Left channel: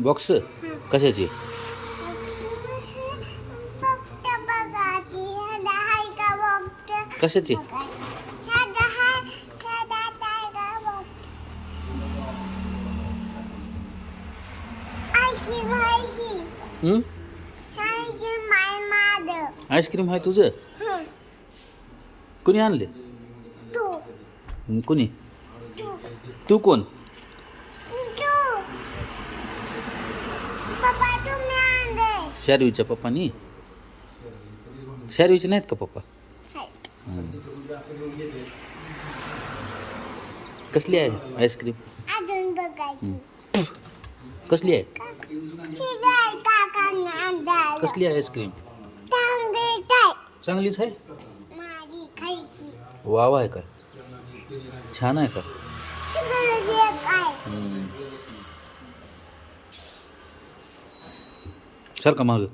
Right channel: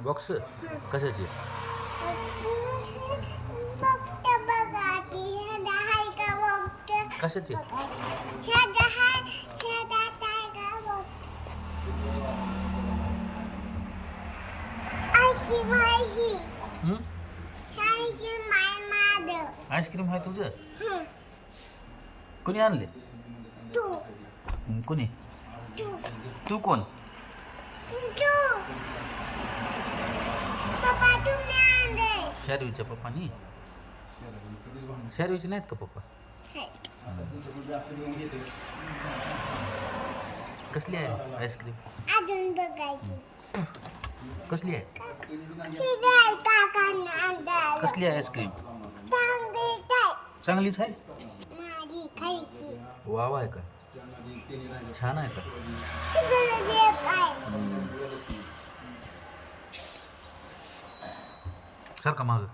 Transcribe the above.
Box कशाची? कशाची? Ice cream आहे तुझं? कुणी आणले? कुणी? तू कोण? शारवीच्या पप्पानी? शारवीचे नाहीत का पप्पा? कसली आहे आईस्क्रीम? कसली आहे? कसली आहे आईस्क्रीम? चांगलीच आहे. वाव आहे का? छान आहे का? सारखा माग